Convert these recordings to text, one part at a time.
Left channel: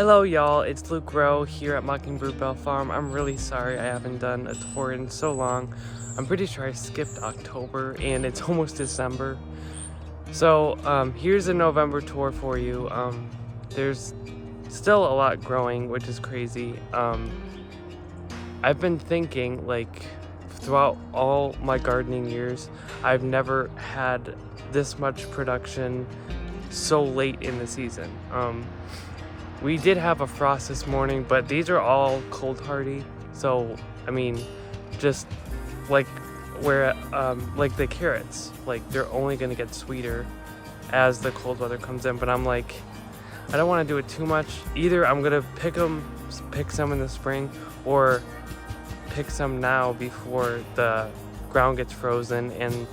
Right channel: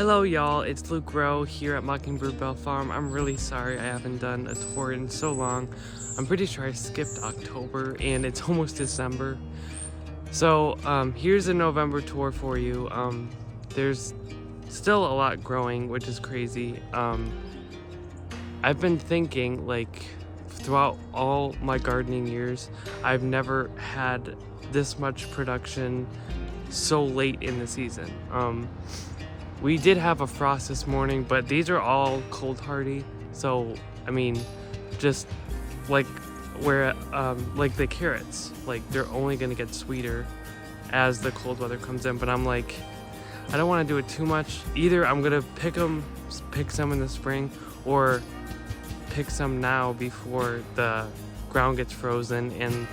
Hello y'all, it's Luke Rowe here at Mockingbird Bell Farm. I'm really sorry I haven't done a tour in so long. I'm pretty sure I skipped October and it's almost December. So here's a November tour for you. There's still a lot growing, which is crazy. I've been thinking, like, throughout all my gardening years, I've never had this much production so late in the season. We did have a frost this morning, but these are all cold hardy. So, I mean, just like like the carrots, like they're only gonna get sweeter as the cold weather comes in. But I'm like, I don't want to do it too much. Either I'm gonna pick some in the spring, or pick some now before the ground gets frozen. And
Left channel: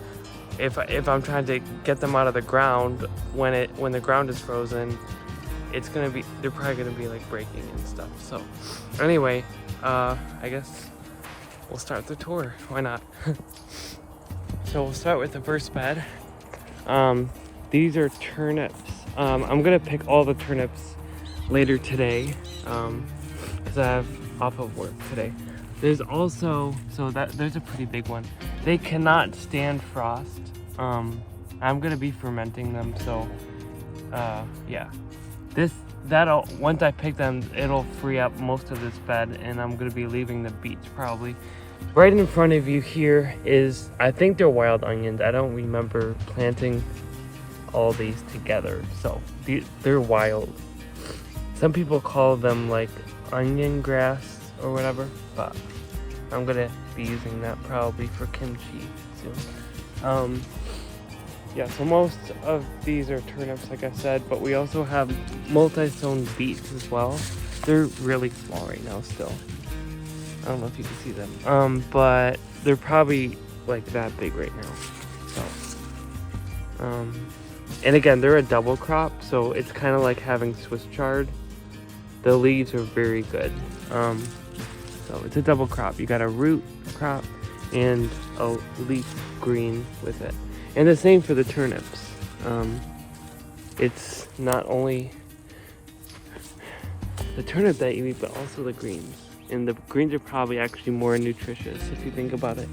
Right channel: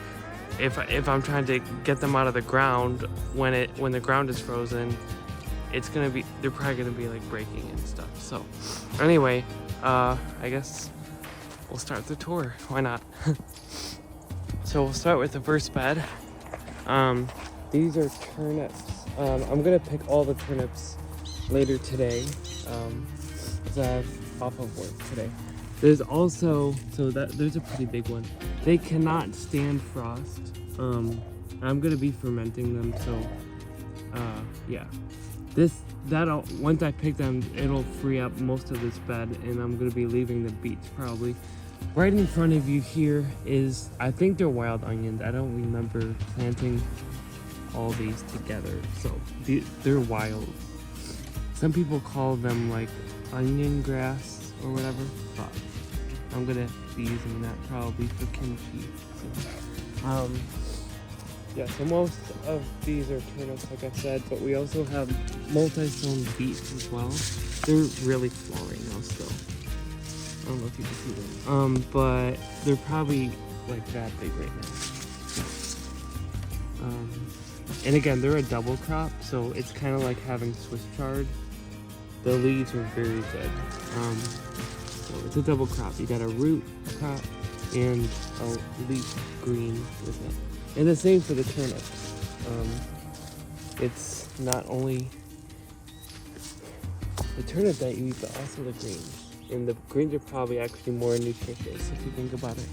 if I'm trying to get them out of the ground when the ground is frozen, they're probably gonna be like breaking and stuff. So anyway, I guess we'll start the tour. Why not? So we'll start with the first bed. These are turnips. I'm gonna pick all the turnips later today, because I have off of work today. There's also, there's a pretty big one. They cannot stand frost. I'm gonna be fermenting them, so yeah. Once I pick them, it'll free up most of this bed, and I'm gonna be leaving the beets probably. Right in front of you here is, I think they're wild onions. I don't remember planting all these together, so they're wild. Some people call them like onion grass or whatever, but I'm gonna be using that probably for kimchi soon. Yeah, so most of these are turnips, like I said, but we also have multi-sown beets as well. They're really small right now still. I don't know if you can see them. But they're probably like that big right now. So, and again, they're a double crop, so it's kind of like having Swiss chard. The leaves are very good. So it's a double crop. You got a root crop and a leaf green with it. And the same for the turnips. It's not only the turnip that you eat, but also the greens. And the greens are probably actually more nutritious if you think about it.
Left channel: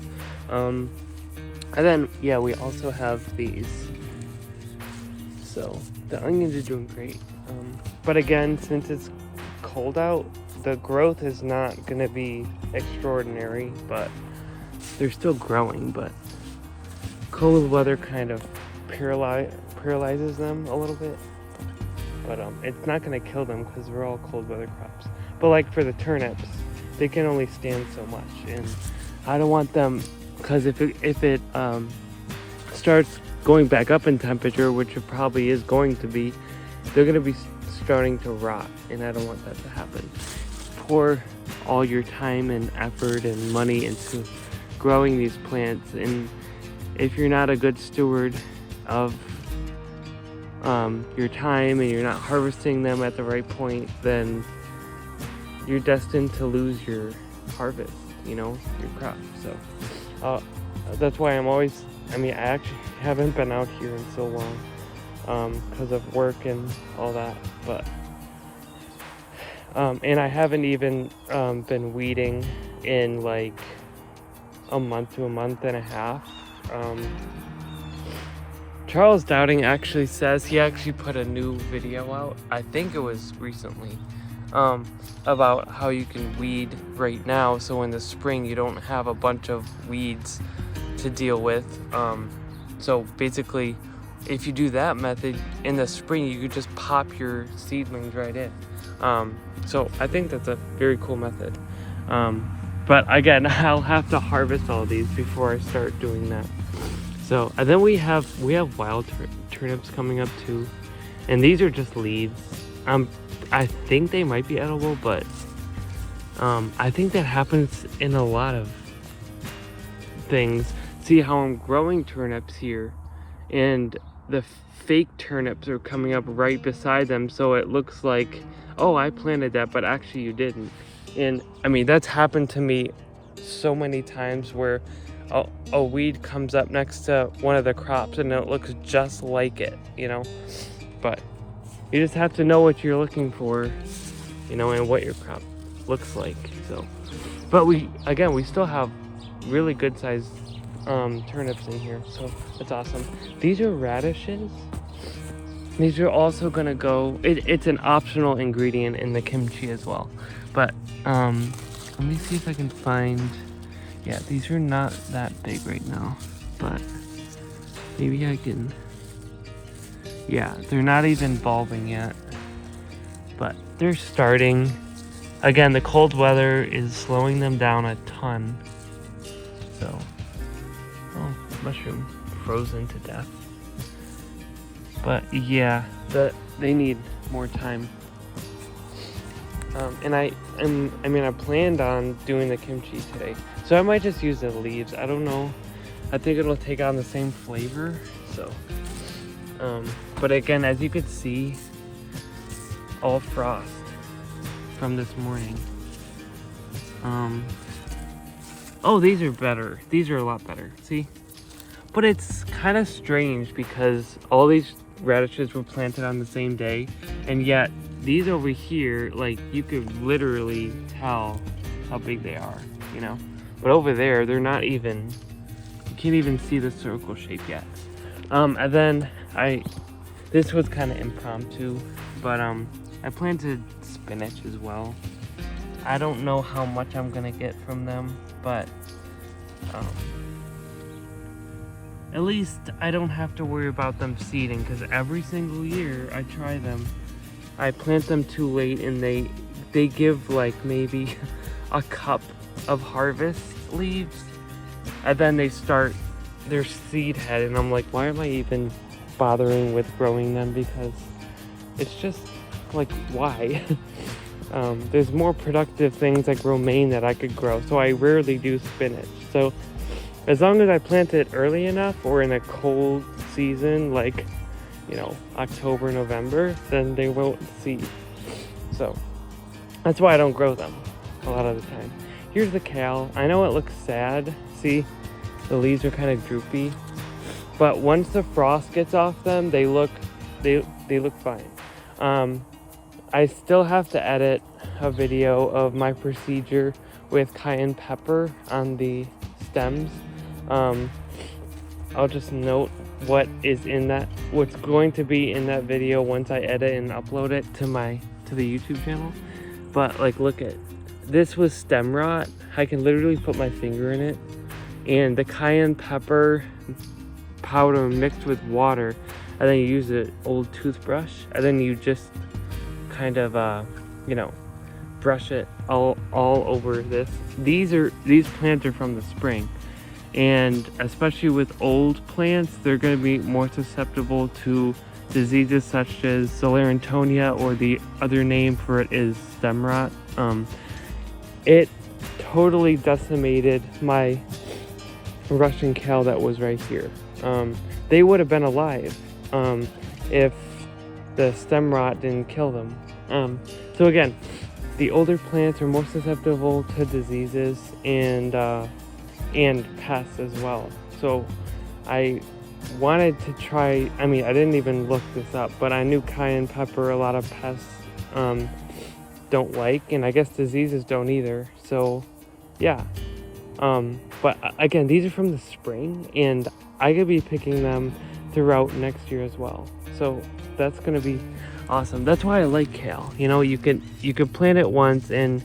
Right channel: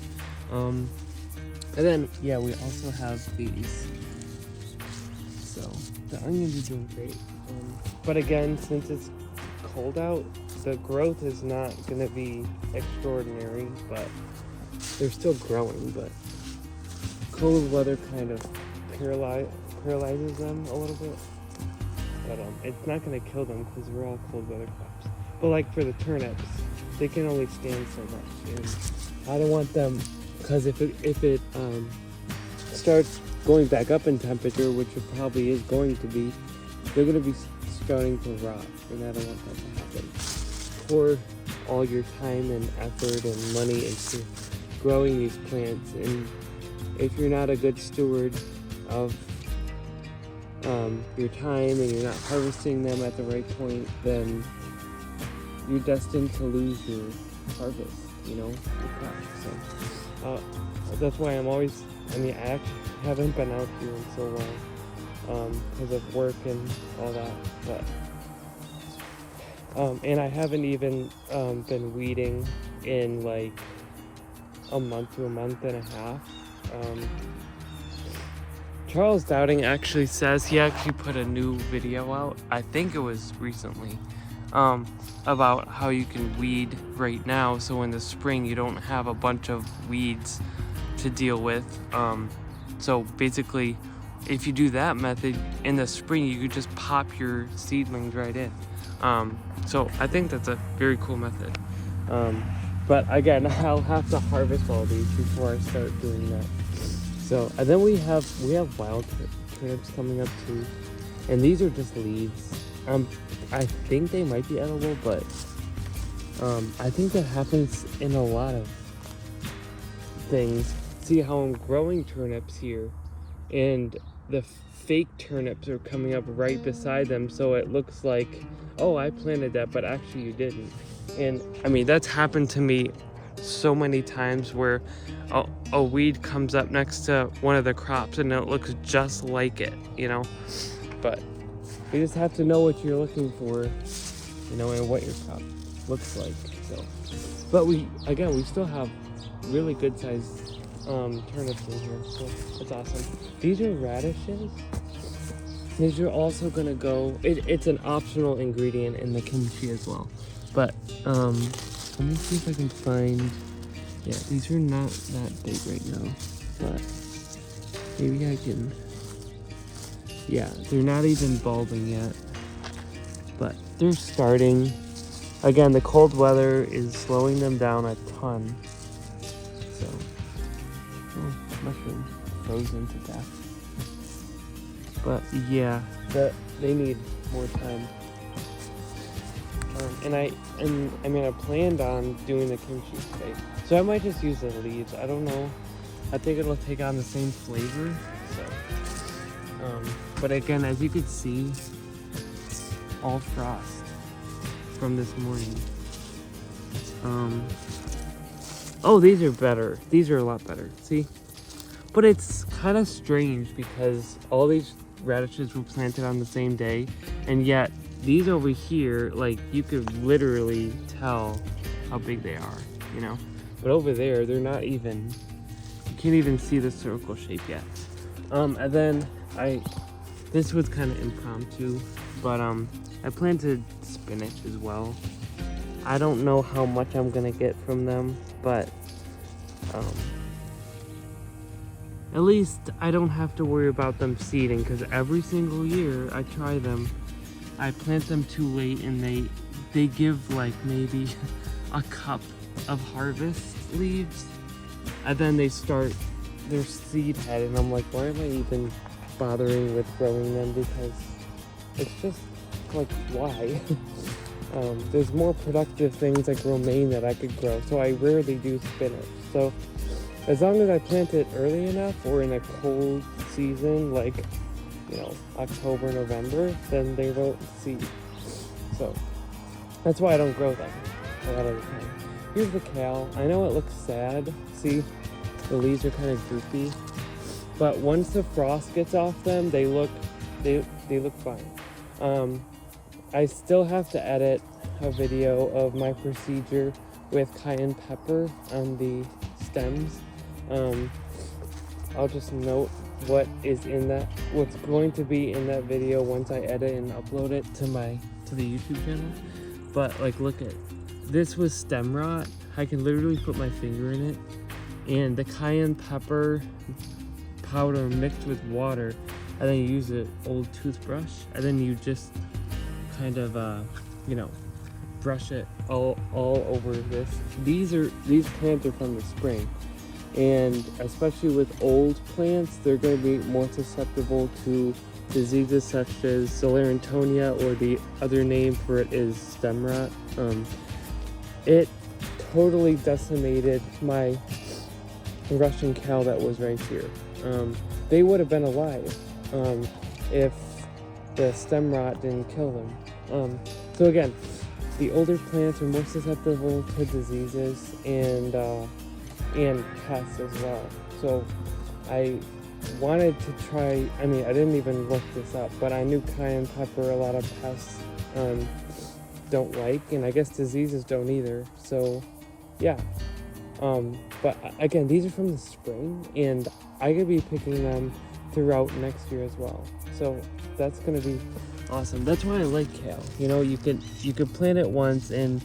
And then, yeah, we also have these. So the onions are doing great. But again, since it's cold out, the growth is not gonna be extraordinary, but they're still growing. But cold weather kind of paralyzes them a little bit, but it's not going to kill them because we're all cold weather crops. But like for the turnips, they can only stand so much, and I don't want them, because if it starts going back up in temperature, which it probably is going to be, they're going to be starting to rot, and I don't want that to happen. Pour all your time and effort and money into growing these plants, and if you're not a good steward of your time and you're not harvesting them at the right point, then you're destined to lose your harvest, your crop. So that's why I actually haven't been out here in so long because of work and all that, but and I haven't even been weeding in like a month to a month and a half. Charles Dowding actually says he actually put a new video out, I think it was recently, about how you can weed right now, so in the spring you don't have a bunch of weeds to deal with. So basically, if you do that method in the spring, you could just pop your seedlings right in. So I think that's a very cool method. But again, I'll have to harvest all these before I start doing that. So, and then we have wild turnips coming up too, and these are just leaves. I think they might be edible, but I think that happens in a lot of things. See how I'm growing turnips here, and the fake turnips are coming up right beside them, so it looks like, oh, I planted that, but actually you didn't. And I mean, that's happened to me so many times where a weed comes up next to one of the crops and it looks just like it, But you just have to know what you're looking for you know, and what your crop looks like. So, but we still have really good sized turnips in here, so that's awesome. These are radishes. These are also gonna go, it's an optional ingredient in the kimchi as well. But let me see if I can find, yeah, these are not that big right now, but maybe I can, yeah, they're not even bulbing yet, but they're starting. Again, the cold weather is slowing them down a ton. So, oh, mushroom frozen to death. But yeah, they need more time. And I planned on doing the kimchi today, so I might just use the leaves. I don't know. I think it'll take on the same flavor. So, but again, as you could see, all frost from this morning. Oh, these are better. These are a lot better. See, but it's kind of strange because all these radishes were planted on the same day, and yet these over here, like, you could literally tell how big they are, you know. But over there, they're not even, you can't even see the circle shape yet. And then this was kind of impromptu, but I planted spinach as well. I don't know how much I'm gonna get from them, but at least I don't have to worry about them seeding, because every single year I try them, I plant them too late and they give like maybe a cup of harvest leaves, and then they start their seed head, and I'm like, why am I even bothering with growing them? Because it's just like, why? There's more productive things like romaine that I could grow, so I rarely do spinach. So as long as I plant it early enough or in a cold season, like, you know, October, November, then they won't seed. So that's why I don't grow them a lot of the time. Here's the kale. I know it looks sad. See, the leaves are kind of droopy, but once the frost gets off them, they look fine. I still have to edit a video of my procedure with cayenne pepper on the stems. I'll just note what is in that, what's going to be in that video once I edit and upload it to the YouTube channel. But like, look at this, was stem rot. I can literally put my finger in it, and the cayenne pepper powder mixed with water, and then you use an old toothbrush, and then you just kind of you know, brush it all over this. These plants are from the spring, and especially with old plants, they're going to be more susceptible to diseases such as Sclerotinia, or the other name for it is stem rot. It totally decimated my Russian kale that was right here. They would have been alive if the stem rot didn't kill them. So again, the older plants are more susceptible to diseases and pests as well. So I wanted to try, I mean, I didn't even look this up, but I knew cayenne pepper a lot of pests don't like, and I guess diseases don't either. So yeah, but again, these are from the spring, and I could be picking them throughout next year as well. So that's gonna be awesome. That's why I like kale. You know, you could plant it once and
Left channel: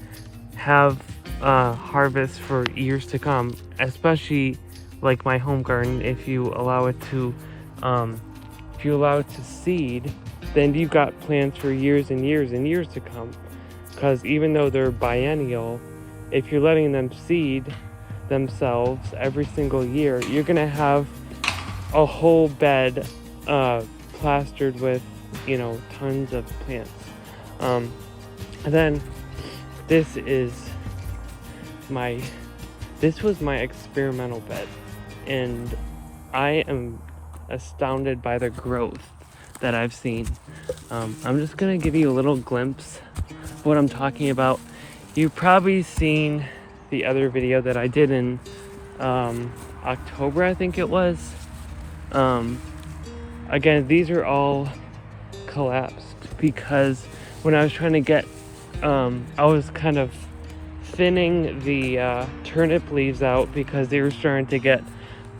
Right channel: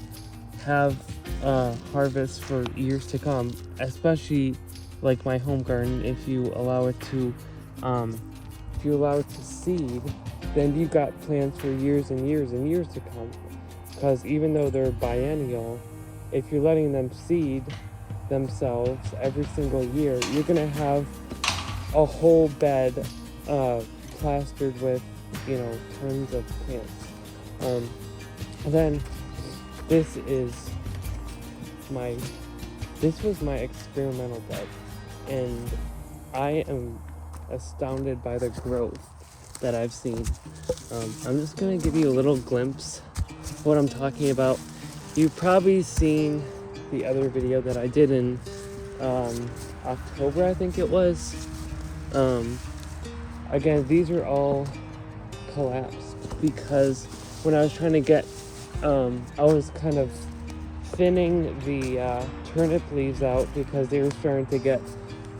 have harvest for years to come, especially like my home garden. If you allow it to seed, then you've got plants for years and years and years to come. Because even though they're biennial, if you're letting them seed themselves every single year, you're gonna have a whole bed plastered with, you know, tons of plants. And then this was my experimental bed, and I am astounded by the growth that I've seen. I'm just gonna give you a little glimpse of what I'm talking about. You've probably seen the other video that I did in October, I think it was. Again, these are all collapsed because when I was trying to get I was kind of thinning the turnip leaves out because they were starting to get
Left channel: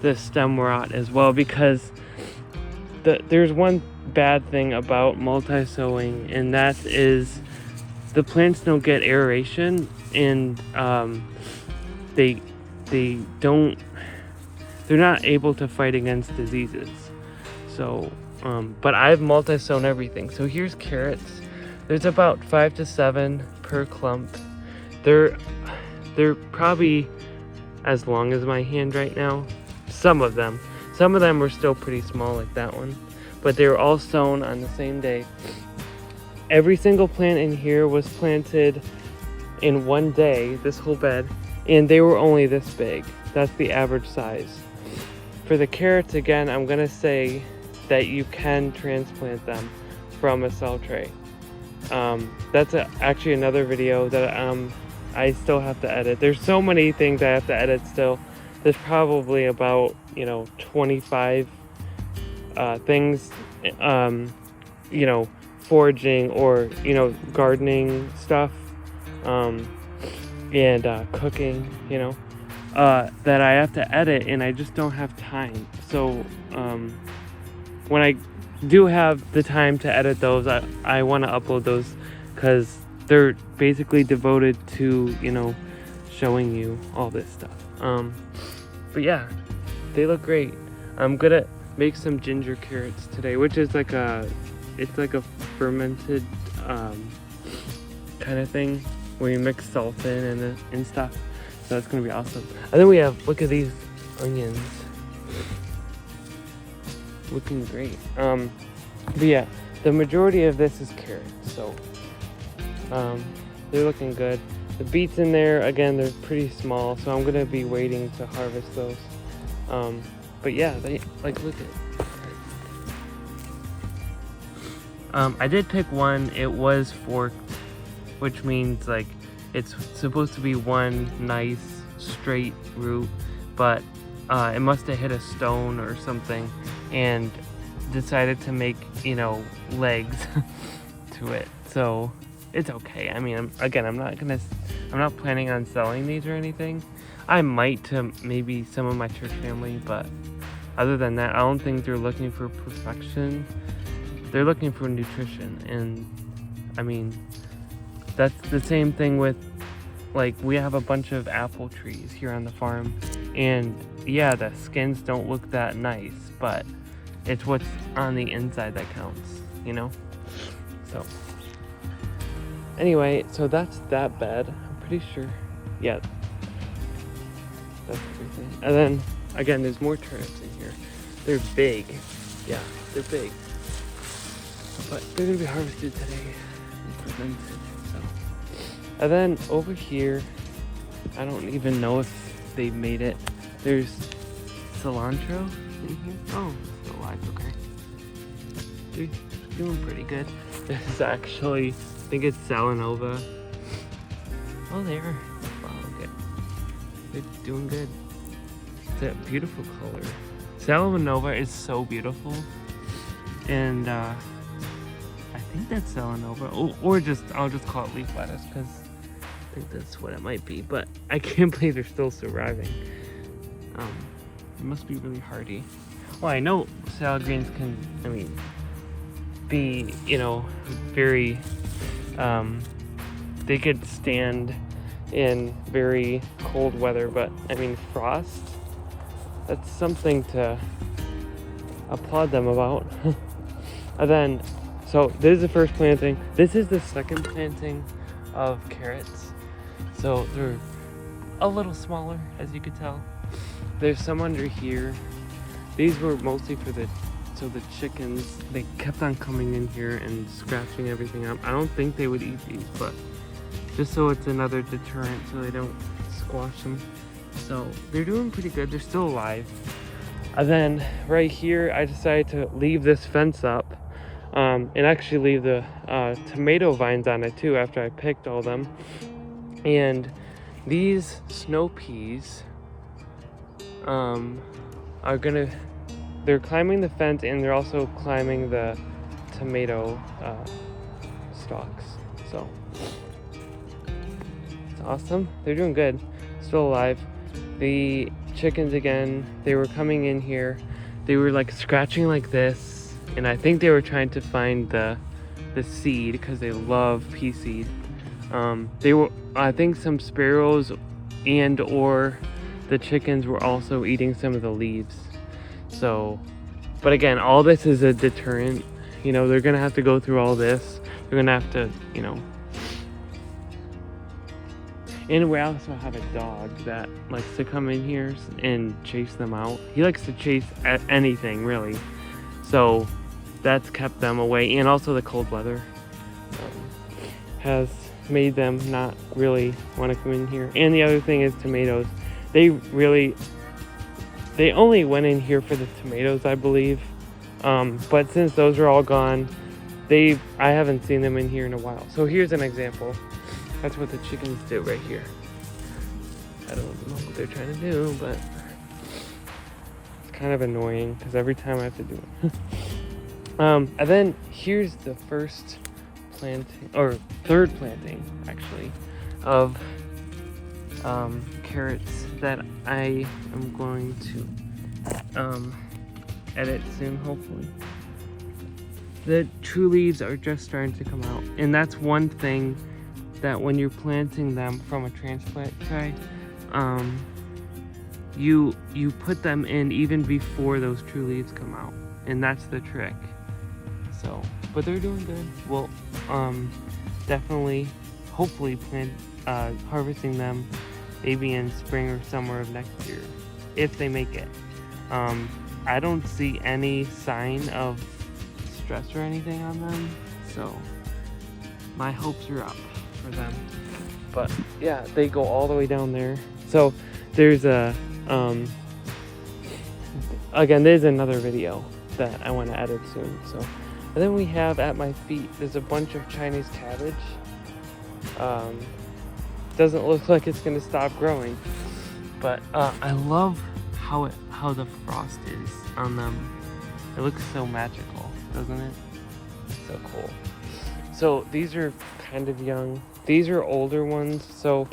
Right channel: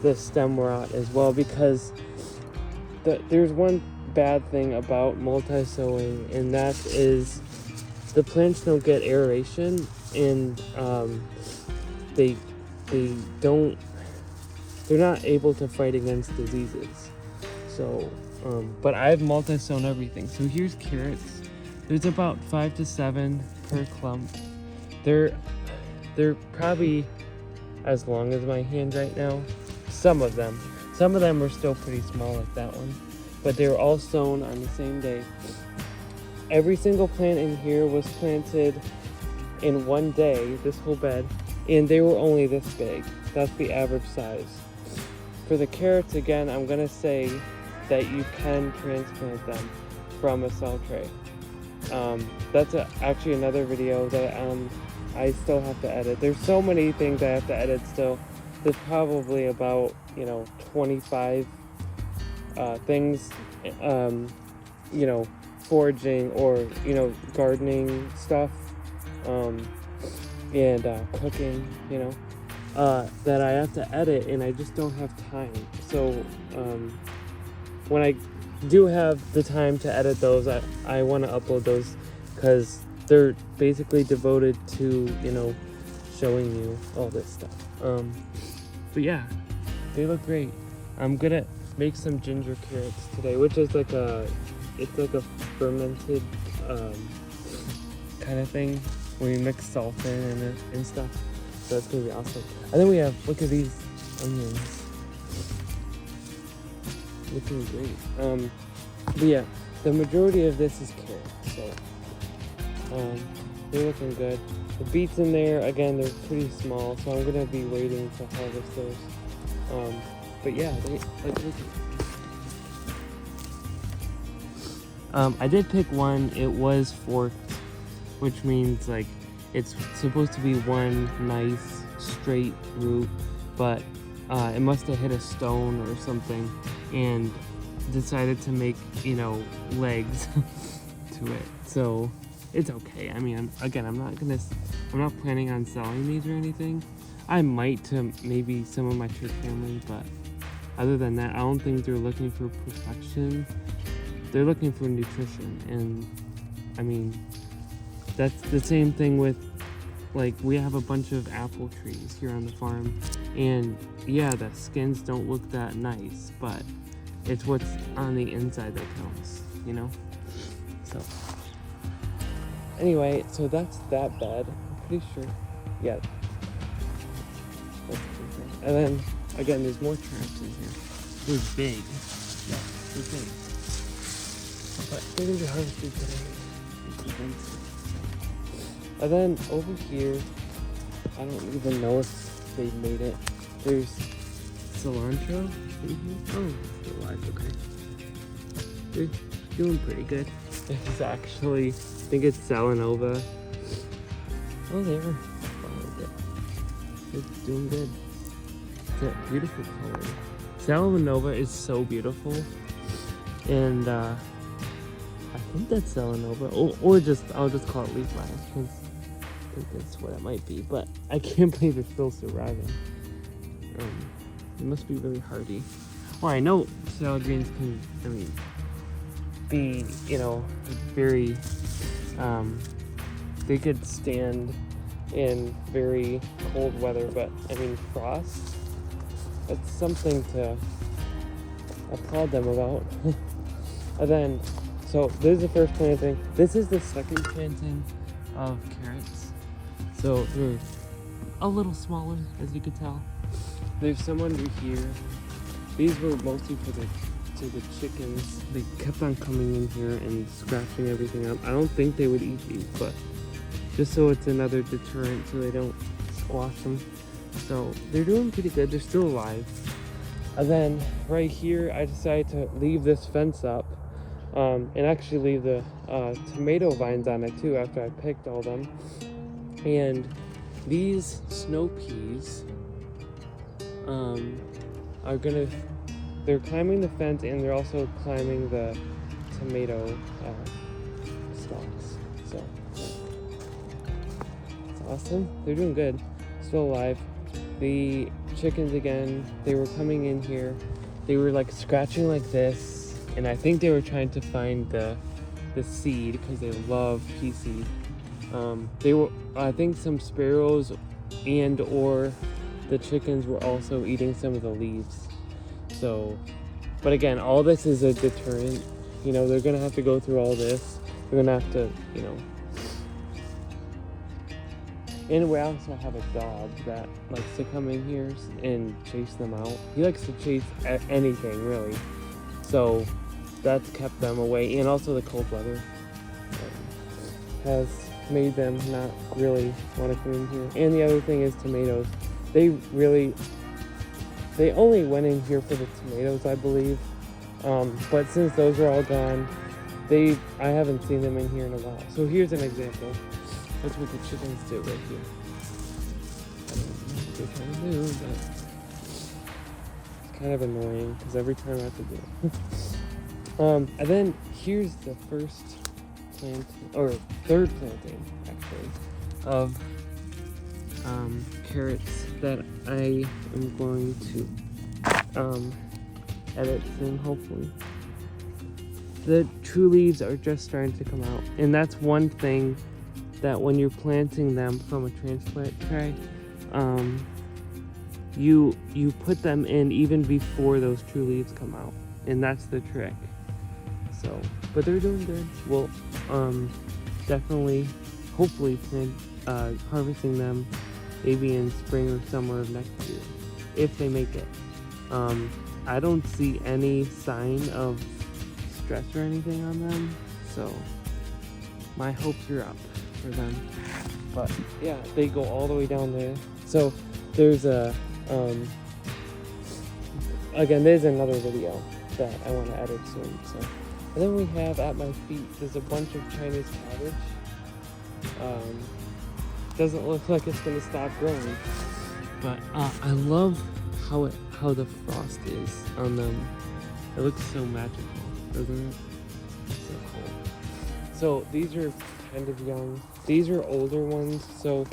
the stem rot as well, because there's one bad thing about multi-sowing, and that is the plants don't get aeration, and they're not able to fight against diseases. So but I've multi-sown everything. So here's carrots. There's about 5 to 7 per clump. They're probably as long as my hand right now. Some of them were still pretty small, like that one, but they were all sown on the same day. Every single plant in here was planted in one day, this whole bed, and they were only this big. That's the average size. For the carrots, again, I'm gonna say that you can transplant them from a cell tray. That's actually another video that I still have to edit. There's so many things I have to edit still. There's probably about 25 things, foraging or gardening stuff, and cooking, that I have to edit, and I just don't have time. So when I do have the time to edit those, I want to upload those because they're basically devoted to showing you all this stuff. But yeah, they look great. I'm gonna make some ginger carrots today, which is like it's like a fermented kind of thing where you mix salt in and stuff. So it's gonna be awesome. And then we have, look at these onions, looking great. But yeah, the majority of this is carrots, so they're looking good. The beets in there, again, they're pretty small, so I'm gonna be waiting to harvest those. But yeah, they look at it. I did pick one. It was forked, which means like it's supposed to be one nice straight root, but it must have hit a stone or something and decided to make legs to it. So it's okay. I mean, I'm not planning on selling these or anything. I might to maybe some of my church family, but other than that, I don't think they're looking for perfection. They're looking for nutrition, and I mean, that's the same thing with, like, we have a bunch of apple trees here on the farm, and yeah, the skins don't look that nice, but it's what's on the inside that counts, So anyway, so that's that bed. I'm pretty sure, yeah. That's everything. And then again, there's more turnips in here. They're big. Yeah, they're big. But they're gonna be harvested today. And then over here, I don't even know if they made it. There's cilantro in here. Oh, it's not live, okay. They're doing pretty good. There's actually, I think it's Salanova. Oh, there. Oh, okay. They're doing good. That beautiful color. Salanova is so beautiful. And I think that's Salanova. Or I'll just call it leaf lettuce because I think that's what it might be. But I can't believe they're still surviving. It must be really hardy. Well, I know salad greens can, be, very, they could stand in very cold weather, but frost, that's something to applaud them about. And then, so this is the first planting. This is the second planting of carrots. So they're a little smaller, as you could tell. There's some under here. These were mostly for the chickens. They kept on coming in here and scratching everything up. I don't think they would eat these, but just so it's another deterrent so they don't squash them. So they're doing pretty good. They're still alive. And then right here, I decided to leave this fence up and actually leave the tomato vines on it too after I picked all them. And these snow peas they're climbing the fence, and they're also climbing the tomato stalks. So awesome. They're doing good. Still alive. The chickens again, they were coming in here. They were like scratching like this, and I think they were trying to find the seed because they love pea seed. They were, I think, some sparrows and or the chickens were also eating some of the leaves. So, but again, all this is a deterrent. You know, they're gonna have to go through all this. They're gonna have to, you know. And we also have a dog that likes to come in here and chase them out. He likes to chase anything, really. So that's kept them away. And also the cold weather has made them not really want to come in here. And the other thing is tomatoes. They only went in here for the tomatoes, I believe. But since those are all gone, I haven't seen them in here in a while. So here's an example. That's what the chickens do right here. I don't know what they're trying to do, but it's kind of annoying because every time I have to do it. And then here's the first planting, or third planting actually, of carrots that I am going to edit soon, hopefully. The true leaves are just starting to come out, and that's one thing that when you're planting them from a transplant tray, you put them in even before those true leaves come out, and that's the trick. So, but they're doing good. We'll definitely, hopefully, harvesting them maybe in spring or summer of next year, if they make it. I don't see any sign of stress or anything on them, so my hopes are up for them. But yeah, they go all the way down there. So there's a again, there's another video that I want to edit soon. So, and then we have at my feet, there's a bunch of Chinese cabbage. Doesn't look like it's gonna stop growing, but I love how the frost is on them. It looks so magical, doesn't it? So cool. So these are kind of young. These are older ones, so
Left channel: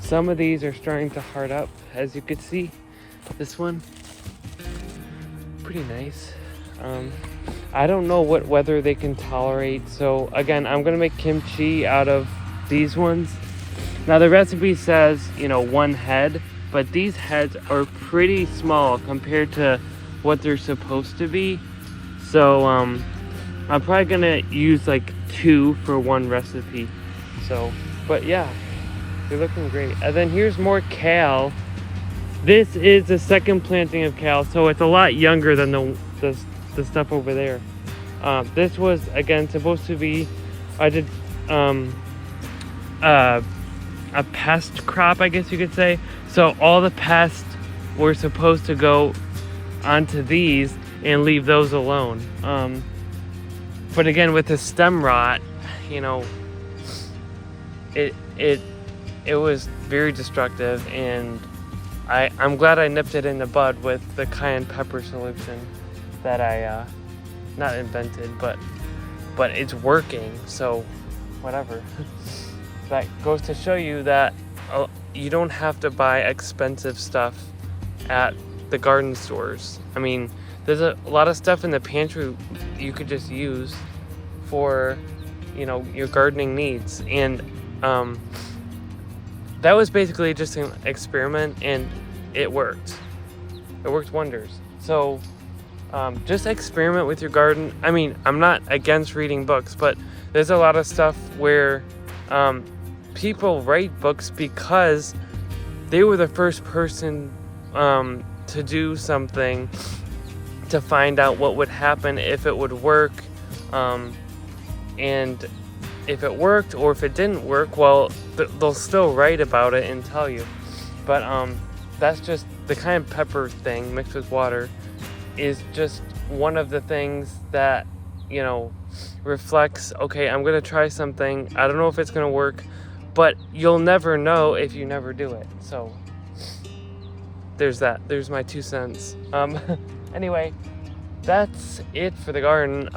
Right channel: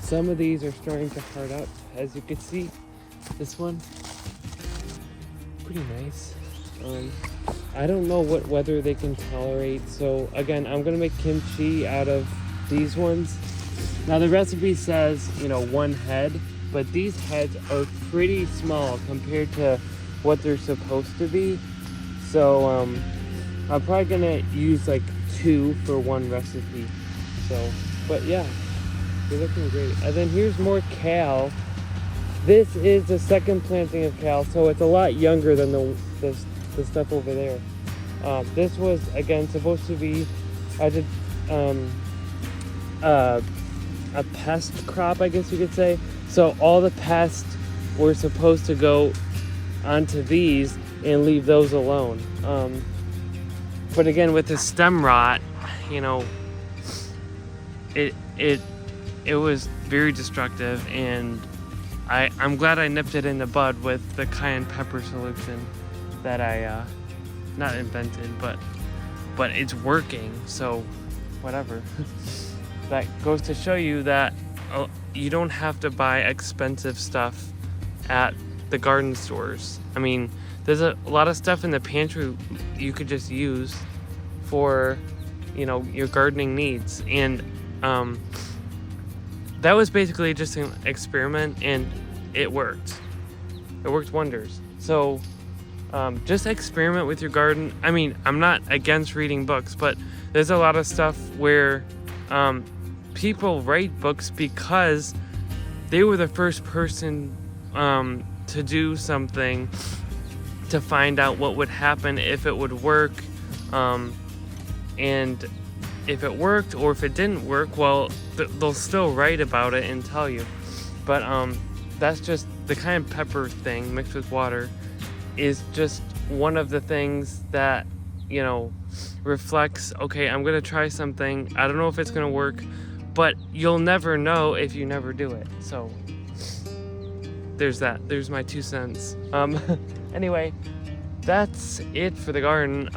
some of these are starting to hard up, as you can see. This one, pretty nice. I don't know what weather they can tolerate, so again, I'm gonna make kimchi out of these ones. Now the recipe says, you know, 1 head, but these heads are pretty small compared to what they're supposed to be. So I'm probably gonna use like 2 for 1 recipe. So, but yeah, they're looking great. And then here's more kale. This is the second planting of kale, so it's a lot younger than the stuff over there. This was, again, supposed to be, I did a pest crop, I guess you could say. So all the pests were supposed to go onto these and leave those alone. But again, with the stem rot, you know, it was very destructive, and I'm glad I nipped it in the bud with the cayenne pepper solution that I not invented, but it's working, so whatever. That goes to show you that you don't have to buy expensive stuff at the garden stores. I mean, there's a lot of stuff in the pantry you could just use for, you know, your gardening needs. And that was basically just an experiment, and it worked. It worked wonders. So just experiment with your garden. I mean, I'm not against reading books, but there's a lot of stuff where people write books because they were the first person to do something to find out what would happen, if it would work, and if it worked or if it didn't work, well, they'll still write about it and tell you. But that's just the cayenne pepper thing mixed with water is just one of the things that, you know, reflects, okay, I'm gonna try something, I don't know if it's gonna work, but you'll never know if you never do it. So there's that. There's my 2 cents. Anyway, that's it for the garden.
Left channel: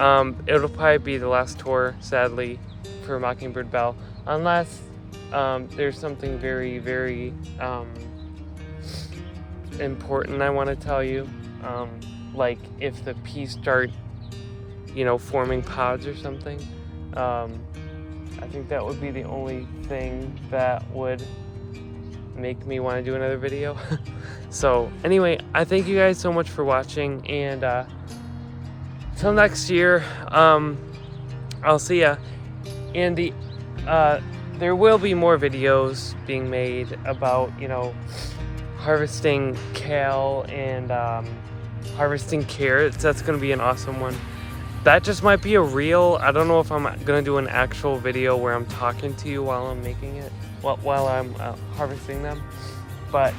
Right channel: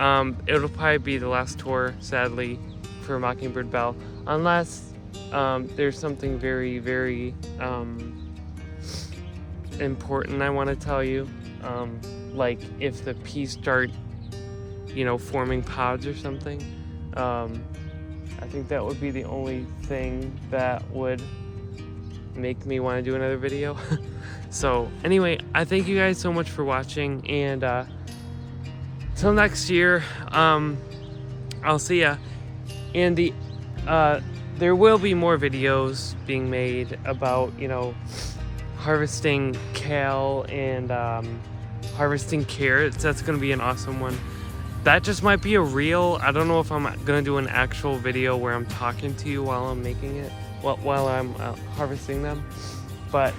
It'll probably be the last tour, sadly, for Mockingbird Belle, unless there's something very, very important I want to tell you. Like if the peas start, forming pods or something, I think that would be the only thing that would make me want to do another video. So anyway, I thank you guys so much for watching, and till next year, I'll see ya. And there will be more videos being made about, harvesting kale and harvesting carrots. That's going to be an awesome one. That just might be a reel. I don't know if I'm going to do an actual video where I'm talking to you while I'm making it, while I'm harvesting them. But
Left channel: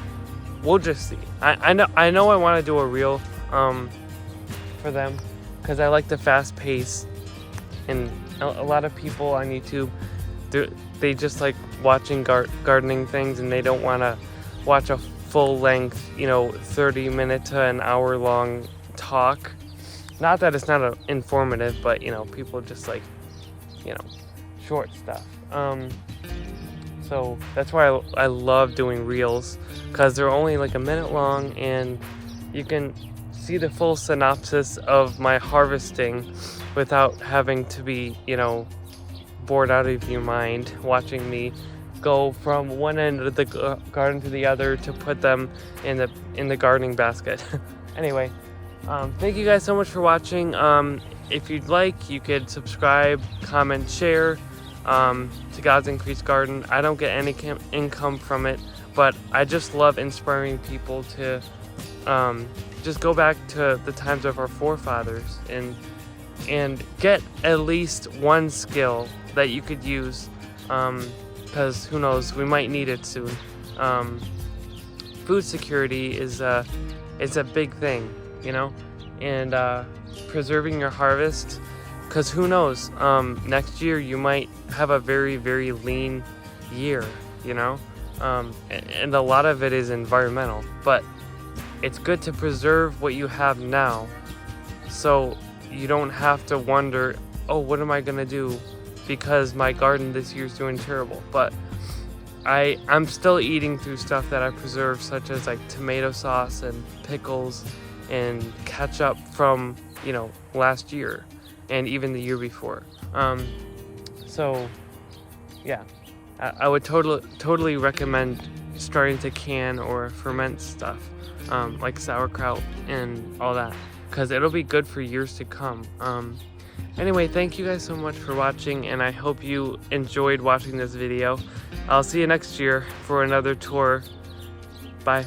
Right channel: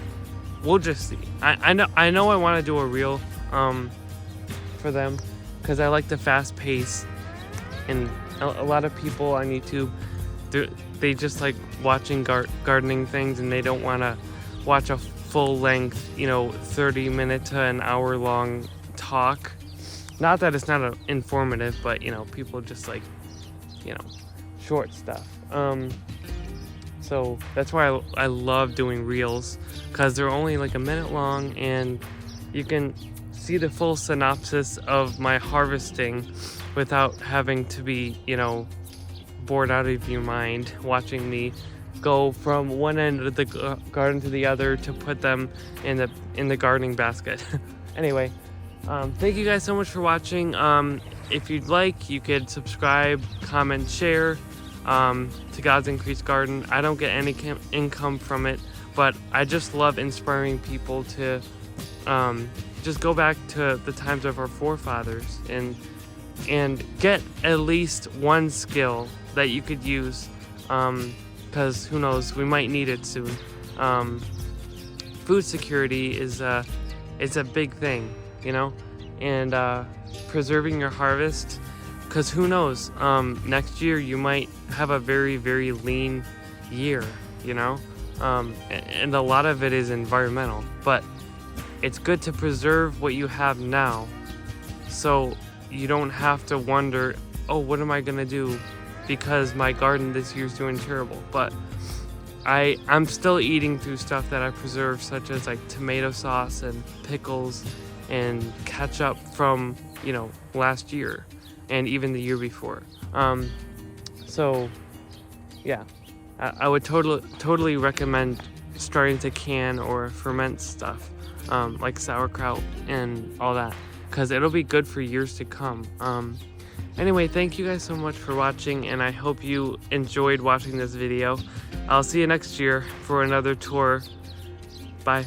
we'll just see. I know I want to do a reel for them because I like the fast pace, and a lot of people on YouTube, they just like watching gardening things, and they don't want to watch a full length 30-minute to an hour long talk. Not that it's not informative, but people just like short stuff. So that's why I love doing reels, because they're only like a minute long, and you can see the full synopsis of my harvesting without having to be bored out of your mind watching me go from one end of the garden to the other to put them in the gardening basket. Anyway, thank you guys so much for watching. If you'd like, you could subscribe, comment, share to God's Increased Garden. I don't get any income from it, but I just love inspiring people to just go back to the times of our forefathers and get at least one skill that you could use, because who knows, we might need it soon. Food security is a big thing, and preserving your harvest, because who knows, next year you might have a very, very lean year, and a lot of it is environmental, but it's good to preserve what you have now, so you don't have to wonder, oh, what am I gonna do because my garden this year's doing terrible. But I'm still eating through stuff that I preserved, such as like tomato sauce and pickles and ketchup from last year and even the year before. So yeah, I would totally recommend starting to can or ferment stuff, like sauerkraut and all that, because it'll be good for years to come. Anyway, thank you guys so much for watching, and I hope you enjoyed watching this video. I'll see you next year for another tour. Bye.